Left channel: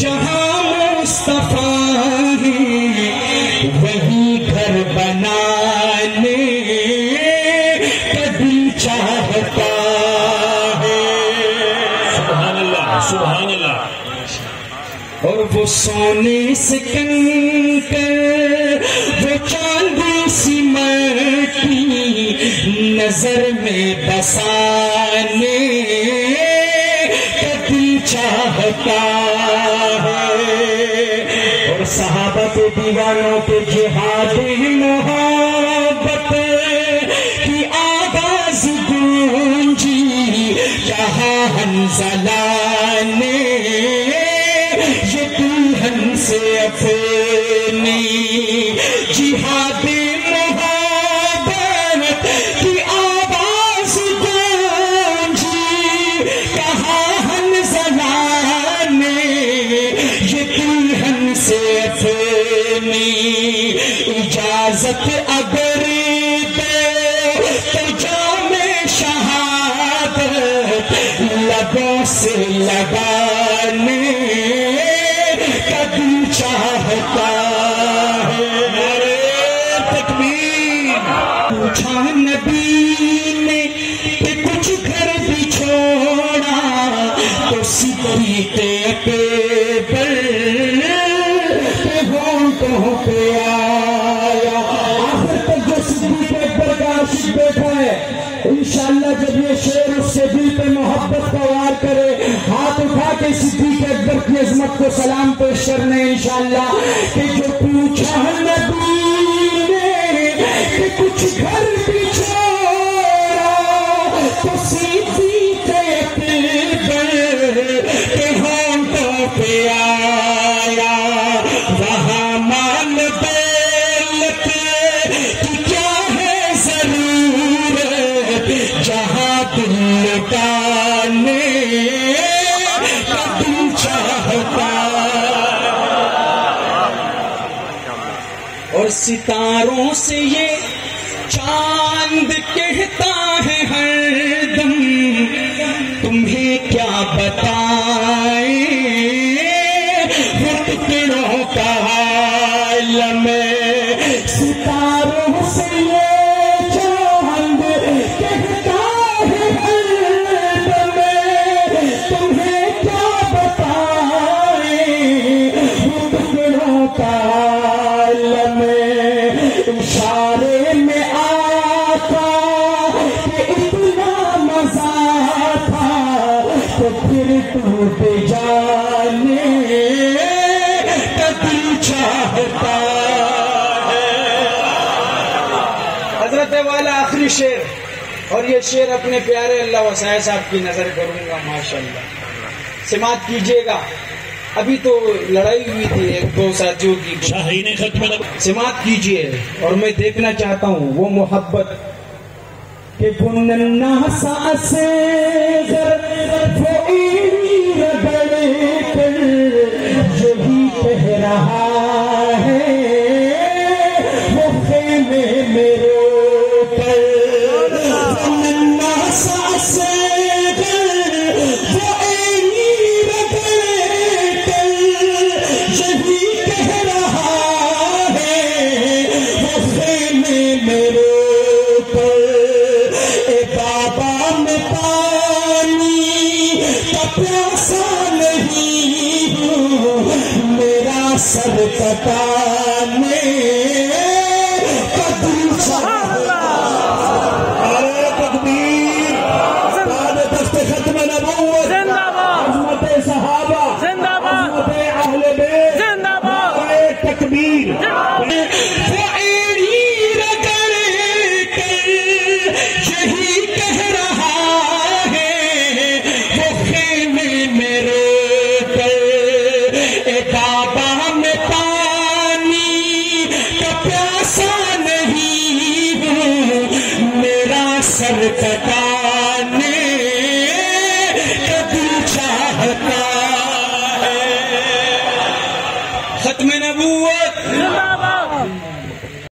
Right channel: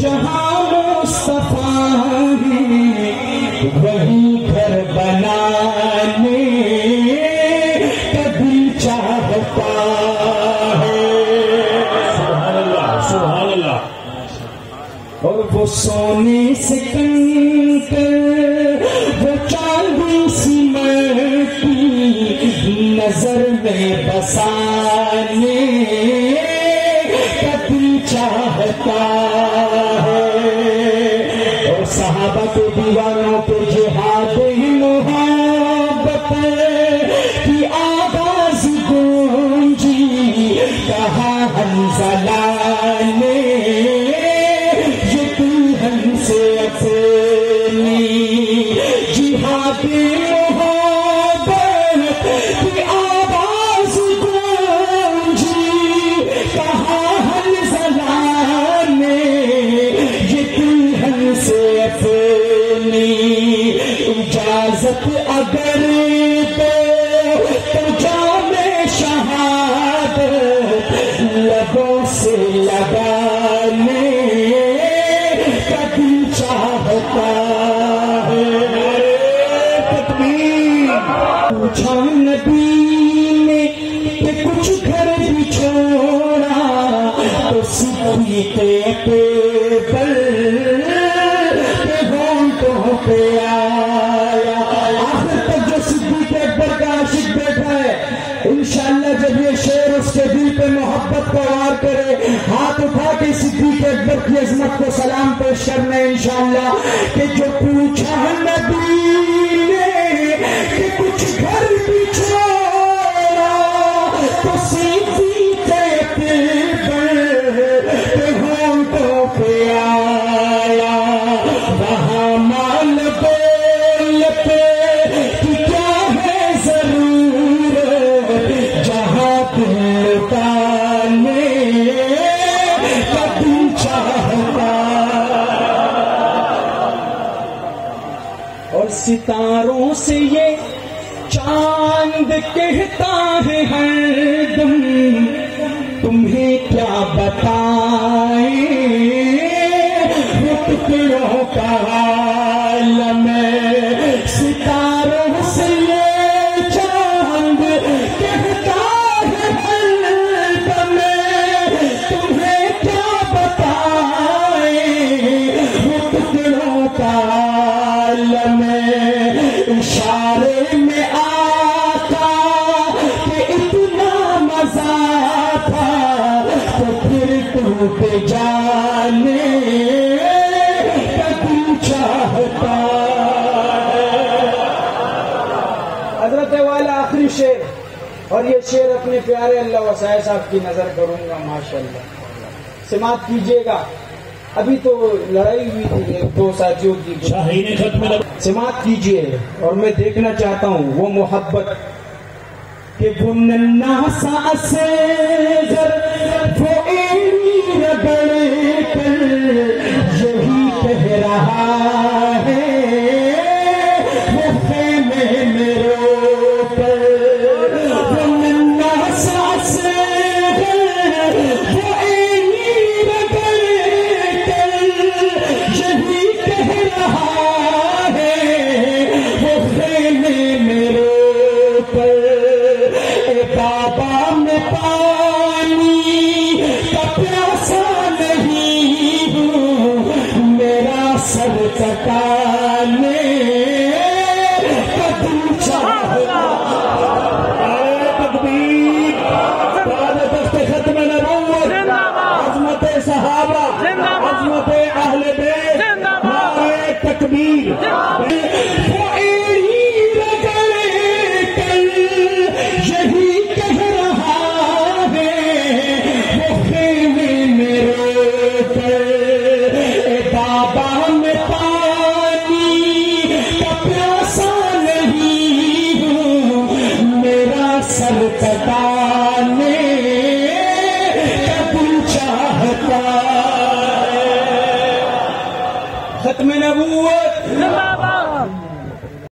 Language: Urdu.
جہاں مصطفیٰ ہے وہی گھر بنانے کا دل چاہتا ہے. سبحان اللہ سبحان اللہ. اور وہ سونے سے کنکر وہ چاندی سی مٹی نظر میں بسانے کا دل چاہتا ہے. اور صحابہ کے دیوانوں پہ جہاد محبت کی آواز گونجی کہاں حنظلہ نے سے اپنی جہاد محبت کی آواز گونجی کہاں حنظلہ نے یہ دلہن سے اپنی اجازت اگر دے تو جام شہادت لبوں سے لگانے چاہتا ہے. تکبیر. پوچھا نبی نے کہ کچھ گھر بھی چھوڑا تو صدیق اکبر کے ہونٹوں پہ آیا. آخر تک جو صدیق اکبر کا عاشق بیٹھا ہے انشاءاللہ جب یہ شعر اس سے دل پہ محبت کا وار کرے ہاتھ اٹھا کے صدیق اکبر کی عظمت کو سلام پیش کرنا انشاءاللہ کہ جو پوچھا نبی نے کہ کچھ گھر بھی چھوڑا تو صدیق اکبر کے ہونٹوں پہ آیا. وہاں مال دولت کی کیا ہے ضرورت جہاں دل لٹانے کا دل چاہتا. اور ستاروں سے یہ چاند کہتا ہے ہر دم تمہیں کیا بتائیں وہ ٹکڑوں کا عالم. ستاروں سے یہ چاند کہتا ہے ہر دم تمہیں کیا بتائیں وہ ٹکڑوں کا عالم. اشارے میں آتا کہ اتنا مزہ تھا تو پھر ٹوٹ جانے کا دل چاہتا ہے. حضرت والا آخری شعر اور یہ شعر اپنے پیارے اللہ وسائے صاحب کی نظر کروں گا. ماشاءاللہ سماعت کیجیے گا. ابھی تو لڑائی ہوئی تھی ایک دو ساتھیوں کی شاہین ختم. سماعت کیجیے اور میں دیکھنا چاہتا ہوں وہ محبت کہ وہ ننھا سا اصغر وہ رگڑ کر یہی کہہ رہا ہے وہ خیمے میں رو کر. وہ ننھا سا اصغر وہ کٹا